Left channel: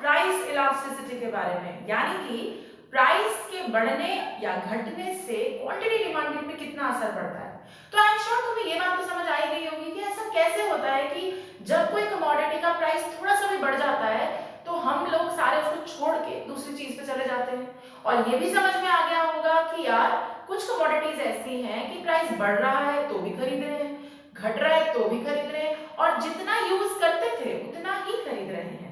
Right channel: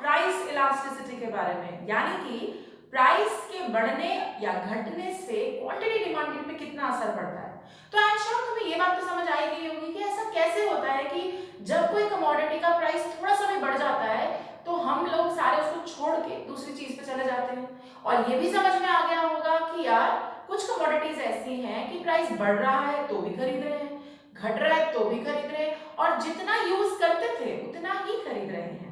Price elasticity के बारे में, यानी कि प्राइस के बढ़ने या घटने से क्वांटिटी डिमांड में कितना असर पड़ता है। तो आई एम श्योर तुम्हें ये बात तो समझ आई गई होगी कि ऐसा कैसे होता है कि जब कोई कमोडिटी का प्राइस थोड़ा सा भी बढ़ जाता है तो हम लोग सारे उसको छोड़ के दूसरी चीज पे चले जाते हैं। और ये भी समझ में आ गया होगा कि यार कुछ कमोडिटीज ऐसी हैं कि प्राइस बढ़ रहा है तो भी खरीद रहे हैं, घट रहा है तो भी खरीद रहे हैं, और जितना यूज करते थे उतना ही खरीद रहे हैं।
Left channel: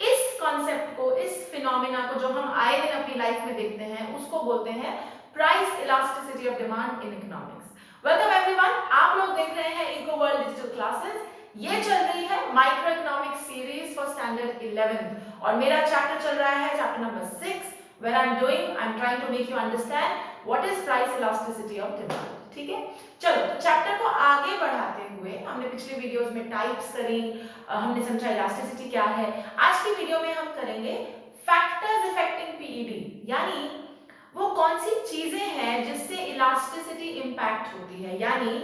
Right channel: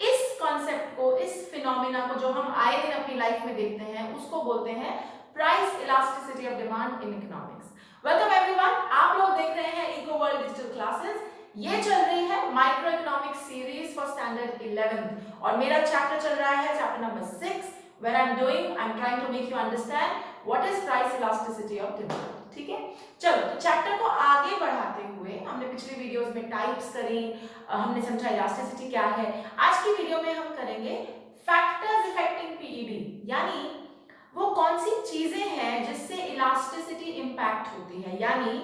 इस कॉन्सेप्ट को, इस फिनोमिना को जो हम आए दिन अपनी लाइफ में देखते हैं, उसको बोलते हैं price elasticity of demand in economics. Welcome everyone, आप लोग देख रहे हैं इको वर्ल्ड डिजिटल क्लासेस। ये चल रही है micro economics series for standard 11 और मेरा चैप्टर चल रहा है chapter number 6 where I'm trying to make you understand what is price elasticity of demand। ठीक है, चलो चैप्टर को आगे बढ़ाते हुए हमने पिछले वीडियोस में टाइप्स करी, हमने समझा इलास्टिसिटी क्या है। आज की वीडियो में हम करेंगे फैक्टर्स अफेक्टिंग पीईडी, यानी वो कौन सी चीजें हैं जिससे इलास्टिसिटी इंपैक्ट होती है, यानी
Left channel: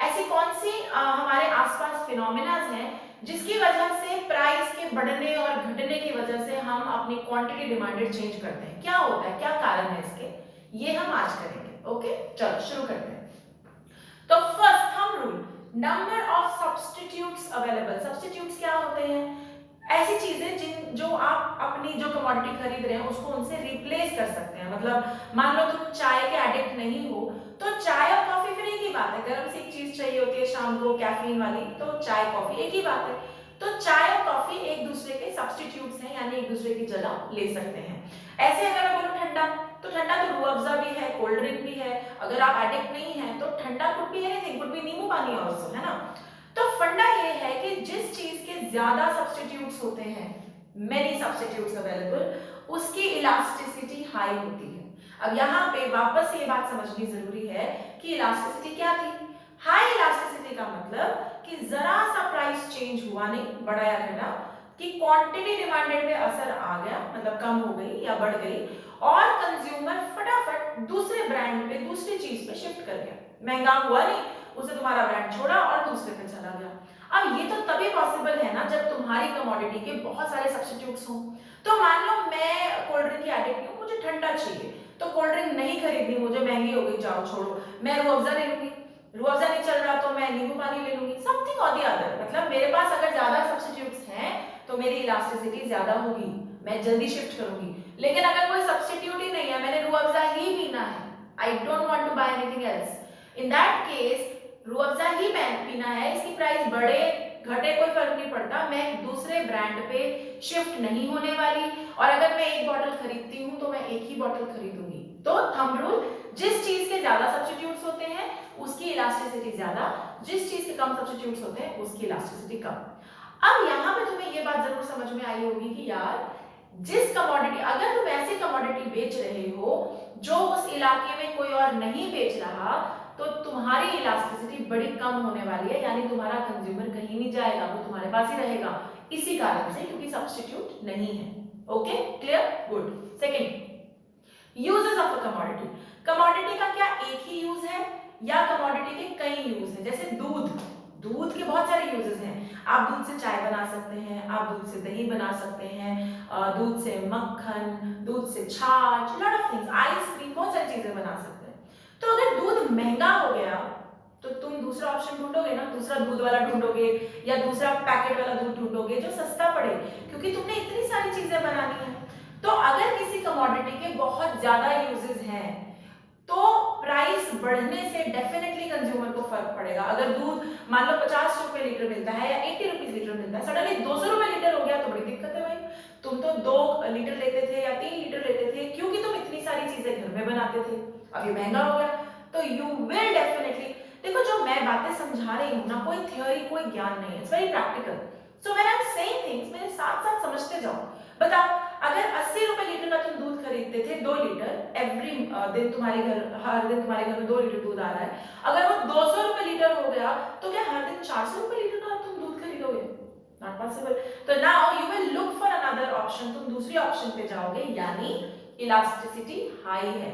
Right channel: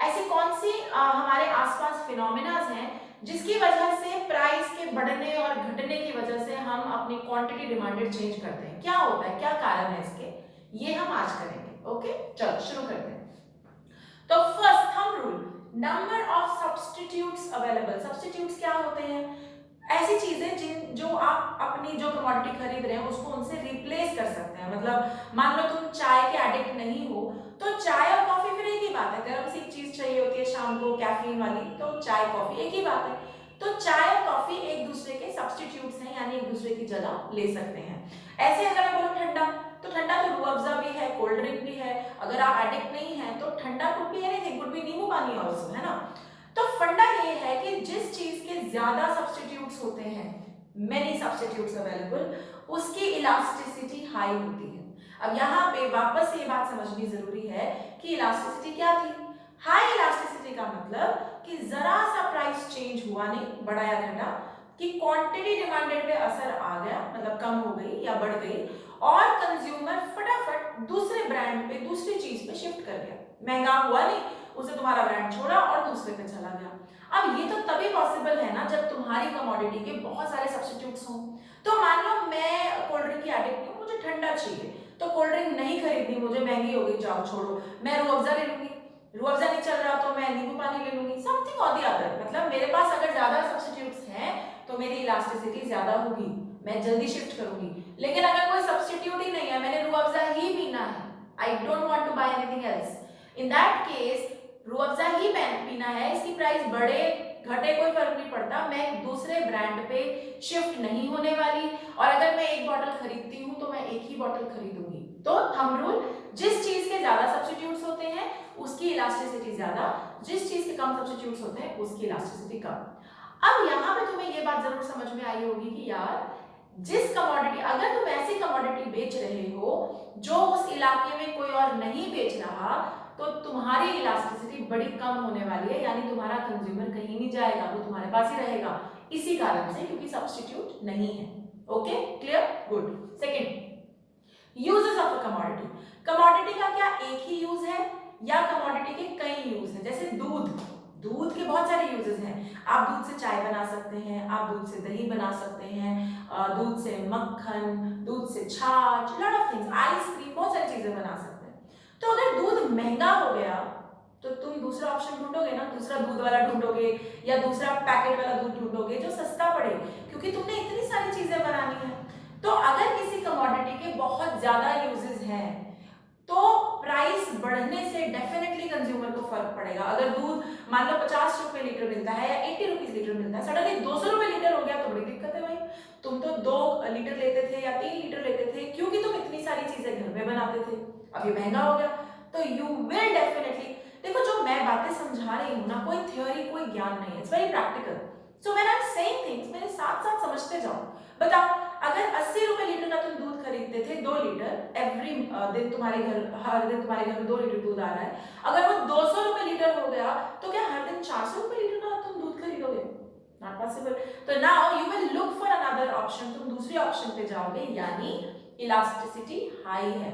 ऐसी कौन सी हमारे आसपास फिनोमिनाज हैं जिसकी वजह से प्राइस के बढ़ने और घटने की वजह से हम अपनी क्वांटिटी डिमांडेड चेंज करते हैं। क्या होता है, क्या कारण है इसके, ये हम आज करेंगे। ओके, चलो शुरू करते हैं। तो first thumb rule, number of substitutes available. Substitutes क्या होते हैं? ऐसी चीजें जो आप अपनी जो कमोडिटी खरीद रहे हैं उसको उनसे रिप्लेस कर सकते हैं। मतलब मान लो तुम चाय के एडिक्ट नहीं हो तो चाय और कॉफी फिर एक ही बात है। गर्म सी एक चीज चाहिए होती है शाम को कैफीन वाली, तो चाय कॉफी एक ही बात है। तो चाय और कॉफी एक दूसरे के सब्स्टिट्यूट्स हैं, यानी एक दूसरे की जगह ले सकते हैं। ऐसे अगर मैं बोलूं ठंडा, तो ठंडा तो रूह अफ़ज़ा भी है, कोल्ड ड्रिंक भी है। अगर आप एडिक्ट नहीं है तो ठंडा could be anything, could be नींबू पानी आल्सो, है ना। तो फंडा ये है कि जिस चीज के ज्यादा सब्स्टिट्यूट्स होते हैं, मेनी सब्स्टिट्यूट्स अवेलेबल, उसकी इलास्टिसिटी हाई होती है। अब यहाँ पे वापस ये बात समझनी जरूरी है कि इलास्टिसिटी क्या थी। हाई इलास्टिसिटी का मतलब कि जरा सा प्राइस चेंज हुआ नहीं, बढ़ा या घटा, कि क्वांटिटी डिमांडेड पे असर आ गया, मतलब कम हो गई या बढ़ गई, और कंज्यूमर फटाफट दूसरे ब्रांड पे, दूसरी चीज पे शिफ्ट कर गया। महंगा हुआ नहीं, उसे तुम्हारा ब्रांड छोड़ा और दूसरे पे चला गया। अब ये तो तभी पॉसिबल है ना जब तुम्हारी कमोडिटी के बहुत सारे सब्स्टिट्यूट्स हों। तो मान लो मैं कोल्ड ड्रिंक की एडिक्ट हूँ, मुझे ठंडा चाहिए, तो कोल्ड ड्रिंक नहीं खरीदनी, मुझे महंगी हो गई, जाओ छोड़ो, मैं रूह अफ़ज़ा ले लूंगी। रूह अफ़ज़ा नहीं चल रहा तो मैं नींबू पानी ले लूंगी, समथिंग और द अदर। मतलब मेरे पास अगर ज्यादा सब्स्टिट्यूट्स हैं तो मेरी इलास्टिसिटी ज्यादा होगी, मैं जल्दी शिफ्ट करूंगी। लेकिन अगर कोई सब्स्टिट्यूट ही नहीं है, मैंने रूह अफ़ज़ा ही पीना है, I don't want to buy anything else, in that case Rooh Afza ही पीना है, इसकी प्राइस बढ़े घटे कोई फर्क नहीं पड़ता, मैं दूसरे ब्रांड पे शिफ्ट नहीं होने वाली। और अगर मैं एक बॉटल खरीदती हूँ तो मैं एक ही बॉटल खरीदूंगी। तो थंब रूल, जिस चीज के ज्यादा सब्स्टिट्यूट्स होते हैं उसकी इलास्टिसिटी ज्यादा, जिस चीज के कम सब्स्टिट्यूट्स होते हैं उसकी इलास्टिसिटी कम। अब यहाँ पे तुम्हें ये बात जरूर समझ में आई होगी कि यार जिस कमोडिटी, अगर तुम ऐसी कमोडिटी बेच रहे हो जो उस इलाके में कोई और नहीं बेच रहा, तो तुम्हारी इलास्टिसिटी बड़ी कम होने वाली है, यानी तुम्हारा कंज्यूमर कहीं नहीं जाएगा, वो तुम्हारे पास ही रहेगा, इसी कारण से, क्योंकि सब्स्टिट्यूट नहीं है। Okay, clear, good. Second, uses of a commodity. Commodity का क्या एक ही यूज है या कमोडिटी के कई यूज हैं? जैसे दूध, दूध के बहुत सारे यूजेस हैं। आप दूध से चाय बना सकते हैं, आप दूध से दही बना सकते हैं, दूध से मक्खन, दूध से छाछ, लॉट ऑफ थिंग्स, आइसक्रीम, बहुत सारी चीजें बना सकते हैं। तो अगर दूध महंगा हो गया तो तुम दूसरा ऑप्शन ढूंढोगे ना, दूसरा दूध वाला ढूंढोगे या दूसरा पैकेट वाला दूध ढूंढोगे जो सस्ता पड़े, क्योंकि तुमने इतनी सारी चीजें बनानी है। तो अगर किसी कमोडिटी के बहुत ज्यादा यूजेस हैं तो प्राइस बढ़ने से डेफिनेटली कंज्यूमर को फर्क पड़ेगा। अगर दूध मान लो 50 रुपए लीटर मिलता है या 80 रुपीज लीटर मिलता है, सडनली 200 रुपए लीटर हो गया तो बड़ी दिक्कत है भाई। तुम तो 2 लीटर लेते थे या 3 लीटर लेते थे क्योंकि तुम इतनी सारी चीजें घर में बनाते थे, अब ये महंगा हो गया, तो यू विल डेफिनेटली, देखो जो मैं बातें समझा रही हूँ ना, कोई थ्योरी, कोई ज्ञान नहीं है, it's very practical. So when I am saying things, मेरे साथ साथ समझते जाओ। बताओ, अगर 80 रुपए लीटर का तुम दूध खरीदते थे 2 लीटर एवरी दिन, तुम्हारे घर हर दिन तुम्हारे घर में 2 लीटर दूध आ रहा है, अगर वो 200 रुपए लीटर हो गया तो क्या हर दिन 400 रुपए लीटर का तुम दूध खरीदोगे? Not possible. तो now you will look for another option, तुम दूसरी ऑप्शन पे जाओगे, यानी इलास्टिसिटी हाई है।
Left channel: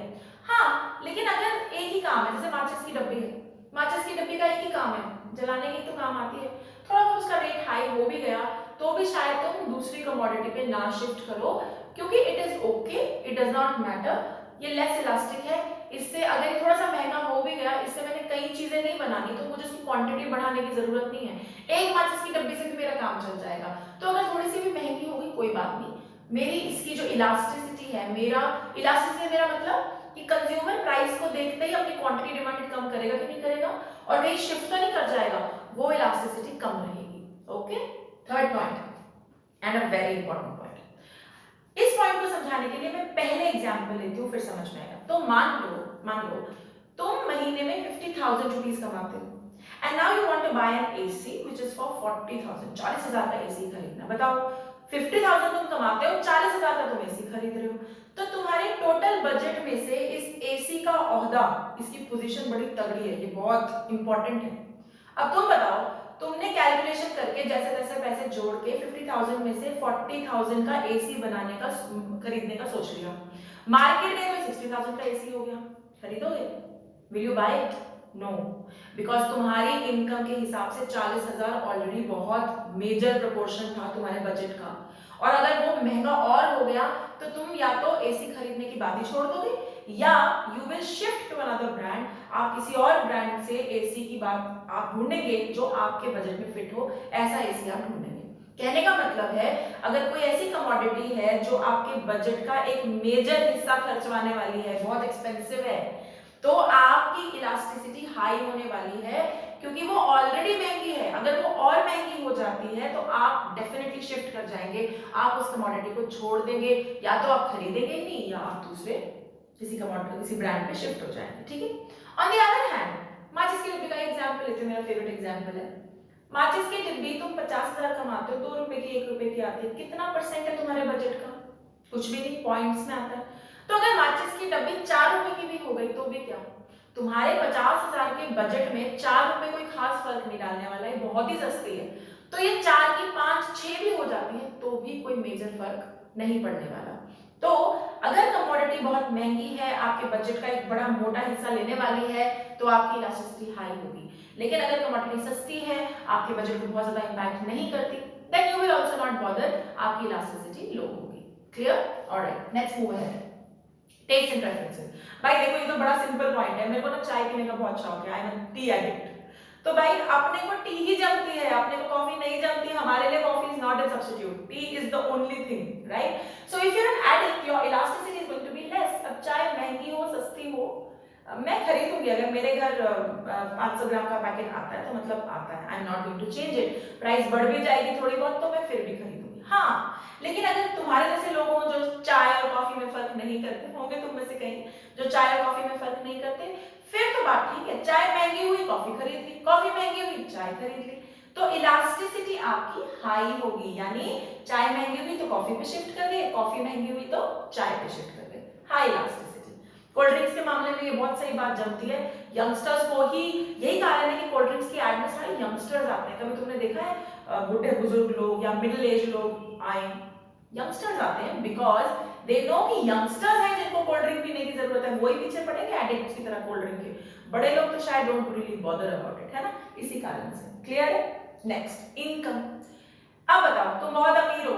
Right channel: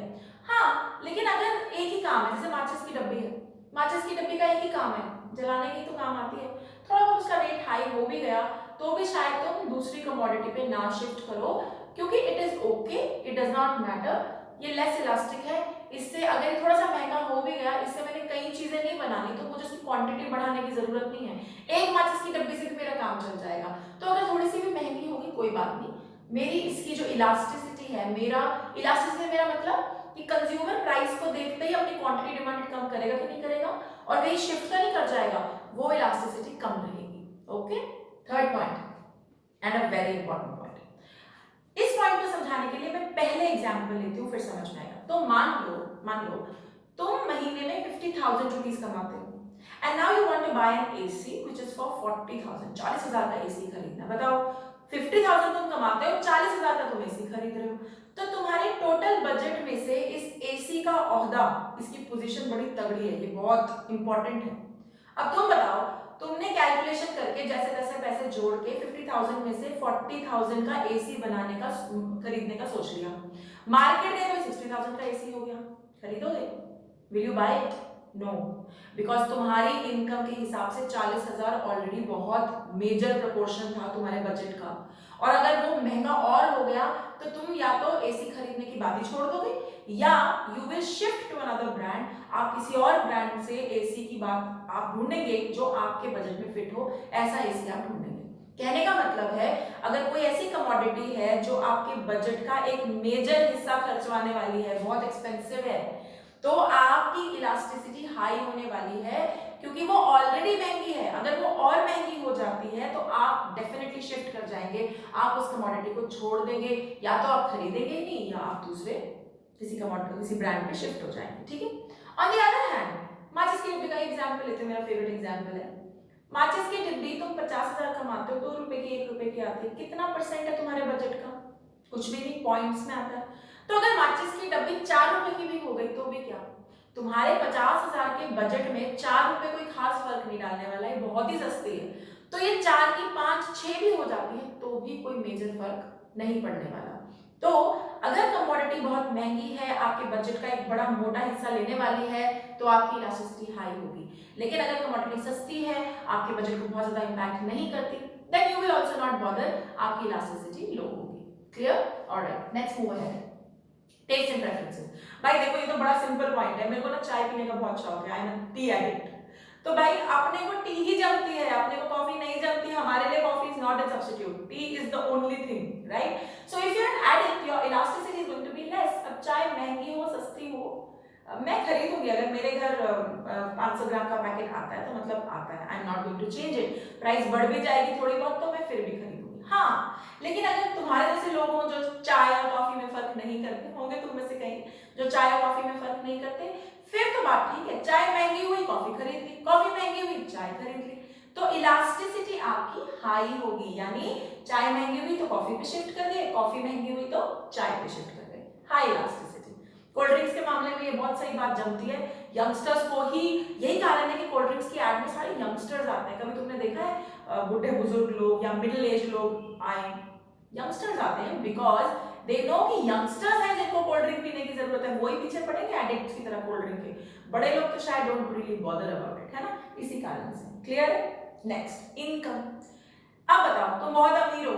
हाँ, लेकिन अगर एक ही काम है, जैसे माचिस की डब्बी है, माचिस की डब्बी का एक ही काम है, जलाने की तो काम आती है, थोड़ा बहुत उसका रेट हाई हाई हो भी गया तो भी शायद तुम दूसरी कमोडिटी पे ना शिफ्ट करो, क्योंकि it is okay, it does not matter, ये लेस इलास्टिक है। इससे अगर थोड़ा सा महंगा हो भी गया, इससे मैंने कई चीजें नहीं बनानी, तो मुझे इसकी क्वांटिटी बढ़ाने की जरूरत नहीं है, एक माचिस की डब्बी से भी मेरा काम चल जाएगा। तो अगर थोड़ी सी भी महंगी होगी कोई बात नहीं, मेरी इसकी जो इलास्टिसिटी है, मेरा इलास्टिसिटी मेरा मतलब कि कंज्यूमर प्राइस को देखते ही अपनी क्वांटिटी डिमांड कम करेगा कि नहीं करेगा, और कहीं शिफ्ट तो नहीं कर जाएगा, वो इलास्टिसिटी कम रहेगी। Okay, third point and a very important point. इस पॉइंट को समझाने के लिए मैं पहले एग्जांपल लेती हूँ, फिर समझ में आएगा। तो मान लो तुम महीने में 50,000 रुपीज कमाते हो and now you want to buy an AC which is for 40,000, 40,000 का एसी खरीदना। बताओ 50,000 तुम कमाते हो, 40,000 का तुम एसी खरीद रहे हो, तो तुम्हारे टोटल बजट में से इस एसी का ओहदा, इसकी पोजीशन बड़ी तगड़ी है, ये बहुत इंपॉर्टेंट है। अब तुम बताओ, तुमने कैलकुलेशन करके जैसे तैसे पैसे जोड़ के 50,000 में से 40,000 का एसी बनाने का खरीदने का सोच लिया, मार्केट में 60,000 का एसी हो गया, खरीदोगे? Will you buy it? No, because तुम्हारी इनकम के हिसाब से 40,000 ऑलरेडी बहुत मेजर प्रोपोर्शन था तुम्हारे बजट का, और अगर वो महंगा और हो गया तो तुम या तो एसी खरीदने की बात ही छोड़ दोगे, या you will shift to another brand, आप किसी और ब्रांड से एसी की बात आप ढूंढेंगे जो आपके बजट में फिट हो, ऐसा एसी आप ढूंढेंगे। कहने का मतलब है, अगर कोई ऐसी कमोडिटी है जो आपके बजट का एक मेजर हिस्सा खर्चवाने वाली है, बहुत एक्सपेंसिव है, तो आपकी इलास्टिसिटी हाई होने वाली है, क्योंकि वो ऑलरेडी महंगी है। अगर वो और महंगी हो जाती है तो आप डेफिनेटली शिफ्ट कर जाएंगे, आप उस कमोडिटी को छोड़ देंगे, या तो आप खरीदेंगे ही नहीं, या आप दूसरे किसी कमोडिटी किसी ब्रांड पे शिफ्ट हो जाएंगे। ठीक है, ऑन द अदर हैंड, माचिस की डिब्बी का एग्जांपल लेते हैं, मेरा फेवरेट एग्जांपल है। माचिस की डिब्बी तुम 50,000 कमाते हो, 2 रुपए की 1 रुपए की आती है, कितना परसेंट है तुम्हारे बजट का? कुछ भी नहीं, पॉइंट्स में आता है। तो अगर माचिस की डब्बी 4 रुपए की भी हो गई तो भी क्या, तुम्हारे 50,000 के बजट में 4 रुपए कोई खास फर्क नहीं डालने वाला है, बहुत ही सस्ती है। तो ये 4 की 5 6 भी हो जाती है तो भी कोई मेजर फर्क नहीं पड़ने वाला। तो अगर कमोडिटी बहुत महंगी है, आपके बजट का एक बड़ा मोटा हिस्सा लेने वाली है, तो आपकी इलास्टिसिटी हाई होगी। लेकिन अगर कमोडिटी सस्ती है, आपके बजट को बहुत ज्यादा इंपैक्ट नहीं करती, then you will also not bother, आपकी इलास्टिसिटी लो होगी। Clear? Alright, let's move ahead. Taste and preferences. भाई देखो, ये तो बड़ा सिंपल पॉइंट है, मेरे को ना चाय पीने का बहुत शौक है, आई एम टी एडिक्ट। तो भाई अपने को टी ही जमती है, अपने को कॉफी नहीं जमती, हमारे लिए coffee is not a substitute, tea is the only thing, right? So if you are an addict, your elasticity is going to be less. अब चाय महंगी हो सस्ती हो, मैं खरीदूंगी, अगर मेरे घर 500 ग्राम का पैकेट आता है तो मतलब आता है, I am not going to change it. Price बढ़ भी जाएगी थोड़ी बहुत तो मैं फिर भी खरीदूंगी। हाँ, लेकिन अगर तुम्हारे जैसे लोग हों जो चाय और कॉफी में फर्क नहीं करते होंगे, तुम में से कहीं जो चाय और कॉफी में फर्क नहीं करते, फिर तो बात ठीक है, चाय महंगी हुई कॉफी खरीद ली, कॉफी महंगी हुई चाय खरीद ली, तो इलास्टिसिटी आपकी हाई होगी, यानी चाय महंगी हुई तो कॉफी पे शिफ्ट कर गए, कॉफी महंगी हुई तो चाय पे शिफ्ट कर गए, हाई इलास्टिसिटी। कोल्ड ड्रिंक्स के मामले में ये बहुत सही बात जमती है, यंगस्टर्स को ही, यही कारण है कि कोल्ड ड्रिंक्स की एड में सारे यंगस्टर्स आते हैं। कभी तुमने देखा है बुढ़े बुजुर्ग लोग या मिडिल एज लोग आए, यंगस्टर्स आते हैं, बिकॉज दे नो कि यंगस्टर्स हैं जिनको कोल्ड ड्रिंक पीने की जरूरत है, वही पीछे पड़ेंगे एडिक्ट्स की तरह कोल्ड ड्रिंक के। बड़े लोग तो शायद don't really bother about it, है ना, इसी कारण से। क्लियर है? Next, income. अब बताओ, तुम बहुत अमीर हो,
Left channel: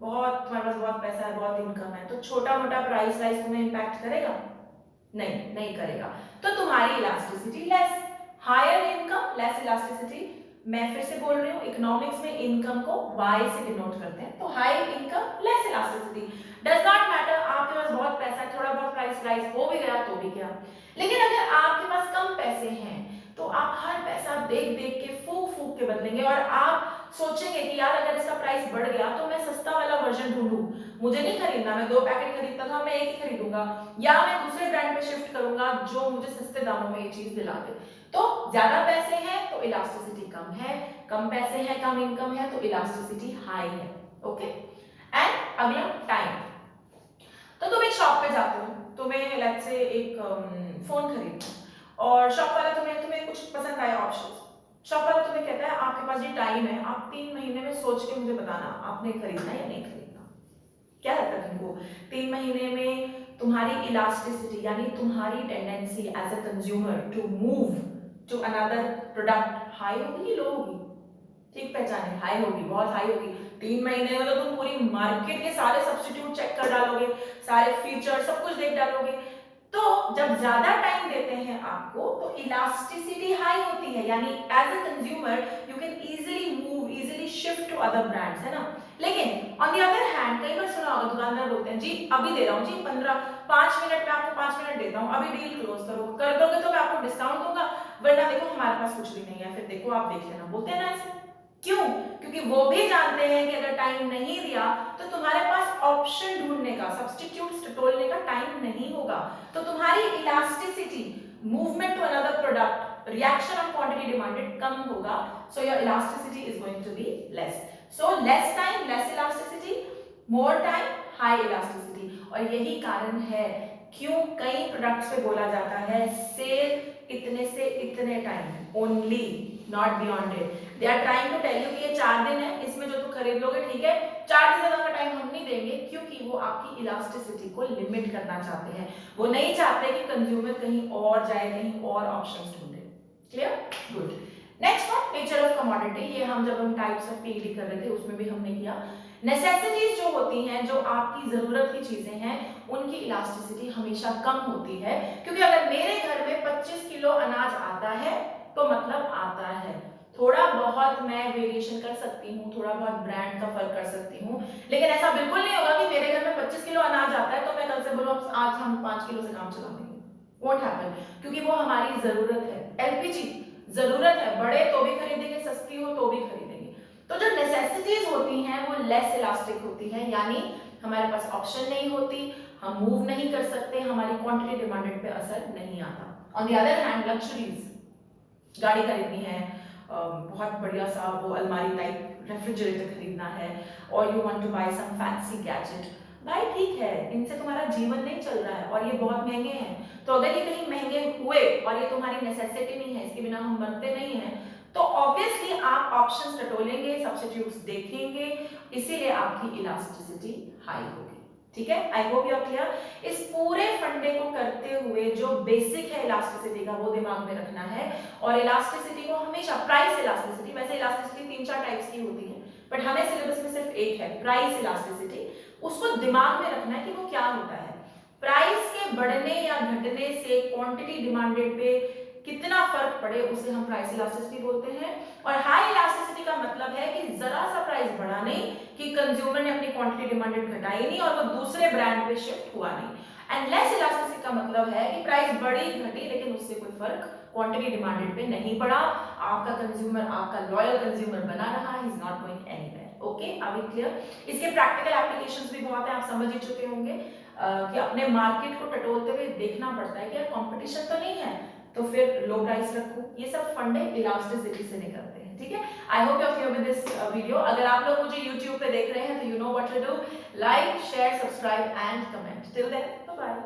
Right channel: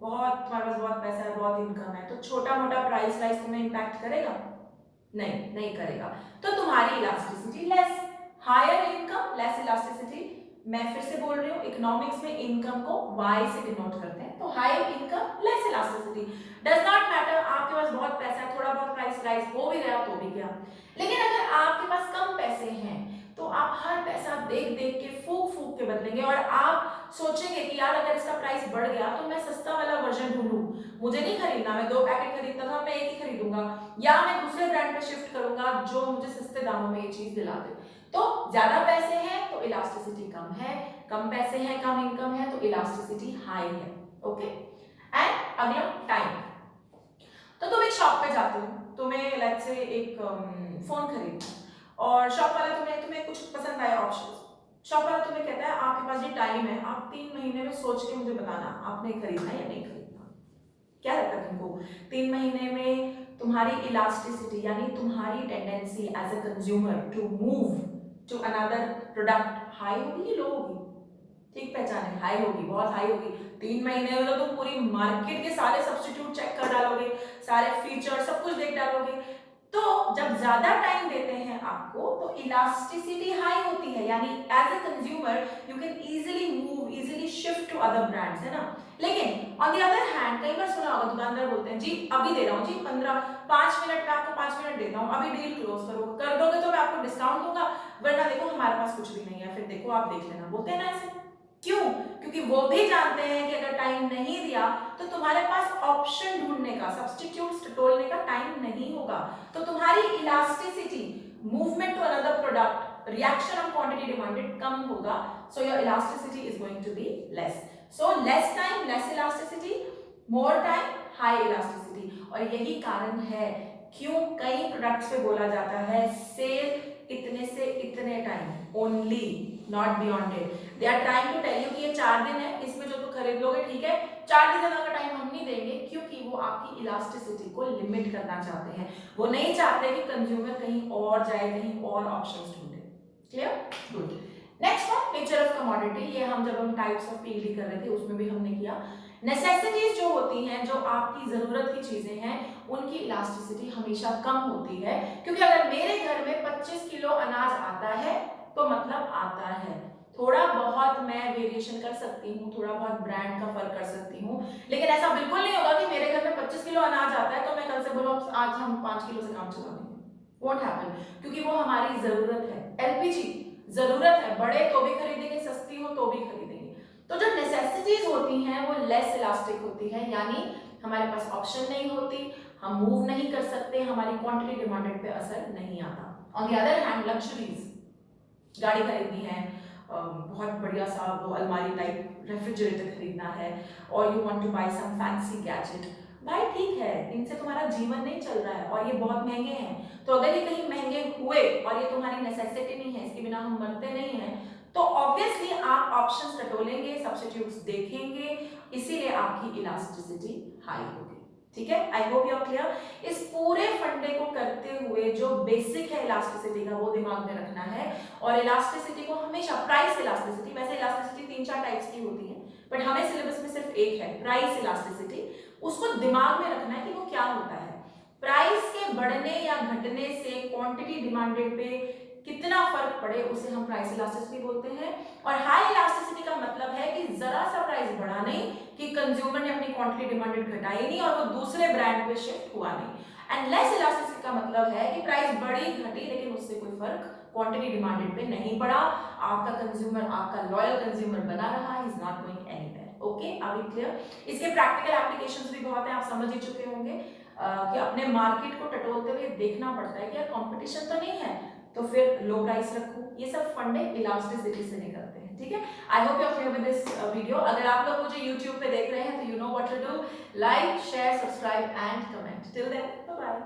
बहुत, तुम्हारे पास बहुत पैसा है, बहुत इनकम है, तो छोटा मोटा प्राइस राइज तुम्हें इंपैक्ट करेगा? नहीं करेगा। तो तुम्हारी elasticity less, higher income less elasticity. मैं फिर से बोल रही हूँ, इकोनॉमिक्स में इनकम को Y से डिनोट करते हैं, तो high income less elasticity. Does not matter, आपके पास बहुत पैसा है, थोड़ा बहुत प्राइस राइज हो भी गया तो भी क्या। लेकिन अगर आपके पास कम पैसे हैं तो आप हर पैसा देख देख के फूक फूक के बदलेंगे, और आप सोचेंगे कि यार अगर इसका प्राइस बढ़ गया तो मैं सस्ता वाला वर्जन ढूंढूं, मुझे नहीं खरीदना, मैं 2 पैकेट खरीदता था, मैं एक ही खरीदूंगा, या मैं दूसरे ब्रांड पे शिफ्ट करूंगा जो मुझे सस्ते दामों में ये चीज दिला दे। तो ज्यादा पैसे हैं तो इलास्टिसिटी कम है, कम पैसे हैं कम इनकम है तो इलास्टिसिटी हाई है। ओके, एंड अगला टाइम। तो तुम एक शॉप पे जाते हो, तुम्हें लेट्स से एक फोन खरीदना है, और शॉप वाला तुम्हें कुछ पसंद आया ऑप्शन, शॉप वाला तुम्हें कहता है आपके पास ये टाइम है, आप 3 महीने में सोच के मुझे बताना आपने खरीदना या नहीं खरीदना। क्या लगता है तुमको, 3 महीने में तुम्हारी इलास्टिसिटी यानी तुम्हारी tendency as a consumer to move to another product high होगी, लो होगी? ठीक पीक पहचाने, हाई होगी, बहुत हाई होगी। 3 महीने में तो तुम पूरी मार्केट के सारे सब्स्टिट्यूट चेक कर डालोगे, सारे फीचर सब कुछ देख डालोगे। तो जब ज्यादा टाइम देते हैं आपको तो इलास्टिसिटी हाई होती है, यानी as a consumer you can easily move, easily shift to other brands, है ना। लेकिन ऑन द अदर हैंड कई बार सुना होगा दुकानदार बोलते हैं जी अभी दे रहा हूँ जी 5 मिनट में आपको 5 मिनट देता हूँ, अभी डील क्लोज करो, कर दोगे तो मैं आपको डिस्काउंट दूंगा, वरना देखो हमारे पास कुछ भी नहीं है, फिर देखो आप देख लेना। बोलते हैं ना ऐसे, क्यों? क्योंकि वो भी जानते हैं कि अगर टाइम नहीं दिया तो तुम्हारे पास ऑप्शन ढूंढने का, सब्स्टिट्यूट्स टटोलने का टाइम नहीं होगा, तो तुम्हारी elasticity, movement to another product, reaction on quantity demanded कम होगा, so your elasticity is going to be less. So less time less elasticity, more time high elasticity. और यही कारण है क्यों कई प्रोडक्ट्स पे बोला जाता है सेल इतने से इतने time only, not beyond it. They are trying to tell you कि ये 4 दिन है, इसमें जो तुम खरीद लोगे ठीक है, 4 दिन ज्यादा का टाइम हम नहीं देंगे, क्योंकि वो आपकी इलास्टिसिटी को लिमिट करना चाहते हैं। वो नहीं चाहते कि कंज्यूमर कहीं और जाए, कहीं और ऑप्शंस ढूंढे। Clear? Good. Next one, nature of commodity. ये जब हम टाइप्स ऑफ पीईडी कर रहे थे उसमें भी हमने किया। नेसेसिटीज जो होती हैं, जो आपकी जरूरत की चीजें हैं, उनकी इलास्टिसिटी हमेशा कम होती है, क्योंकि अगर मेरे घर में 25 किलो अनाज आता है तो मतलब आता है, थोड़ा बहुत मैं वेरिएशन कर सकती हूँ, थोड़ा बहुत ब्रांड का फर्क कर सकती हूँ, लेकिन ऐसा बिल्कुल नहीं होगा कि मेरे घर में 25 किलो अनाज आता है तो मैं कल से बोलूँ आज हम 5 किलो से काम चला देंगे। वोंट हैपन, क्योंकि वो हमारी जरूरत है। एलपीजी जरूरत है, बड़े तो भी खरीदेंगे, सस्ती हो तो भी खरीदेंगे। तो जो नेसेसिटीज होती हैं वो लेस इलास्टिक होती है, यानी हमारे पास ऑप्शन नहीं होती, हम मूव नहीं कर सकते, हमारी क्वांटिटी डिमांडेड पे असर नहीं आता। On the other hand luxuries, गाड़ी खरीदनी है, बहुत बढ़िया सा वो अलमारी टाइप रेफ्रिजरेटर खरीदना है, और you want to buy some fancy gadget, भाई ठीक है, इनसे तुम्हारा जीवन नहीं चल रहा है और ये बहुत महंगे हैं, तो अगर ये कहीं महंगे हुए और ये तुम्हारी नेसेसिटी नहीं है, इसके बिना हम मरते नहीं हैं, तो ऑब्वियसली आप ऑप्शंस टटोलेंगे, सब्स्टिट्यूट्स देखेंगे, इसीलिए आपकी इलास्टिसिटी हाई होगी। ठीक है, I hope you are clear. इस पूरे फंडे को करते हुए जो बेसिक है इलास्टिसिटी का वो दिमाग में रखना है, और इलास्टिसिटी को हमेशा प्राइस इलास्टिसिटी, वैसे इलास्टिसिटी 3-4 टाइप्स की होती है, बट हमें सिलेबस में सिर्फ एक है प्राइस इलास्टिसिटी, उसको दिमाग में रखना है कि वो क्या होता है। प्राइस के बढ़ने या घटने से क्वांटिटी डिमांडेड पे कितना फर्क पड़े उसे हम प्राइस इलास्टिसिटी बोलते हैं। और हाई इलास्टिसिटी का मतलब है कि जरा सा प्राइस बढ़ा नहीं कि कंज्यूमर ने अपनी क्वांटिटी डिमांडेड घटाई नहीं और वो दूसरे ब्रांड पे शिफ्ट हुआ नहीं। एंड लेस इलास्टिसिटी का मतलब है कि प्राइस बढ़ी घटी लेकिन उससे कोई फर्क क्वांटिटी डिमांडेड पे नहीं पड़ा, आपका कंज्यूमर आपका लॉयल कंज्यूमर बना रहा, he is not going anywhere. Okay, are we clear? इसके प्रैक्टिकल एप्लीकेशंस भी बहुत है, आप समझ ही चुके होंगे कि अपने मार्केट को टटोलते हुए देखना पड़ता है कि यार कंपटीशन तो नहीं है तो फिर लो प्राइस रखूं, ये सब फंडे इलास्टिसिटी से निकलते हैं। ठीक है, I hope you are clear with this video. अगर आप लोग मुझे YouTube पे देख रहे हैं तो you know what to do, like share subscribe and comment. Till then bye bye.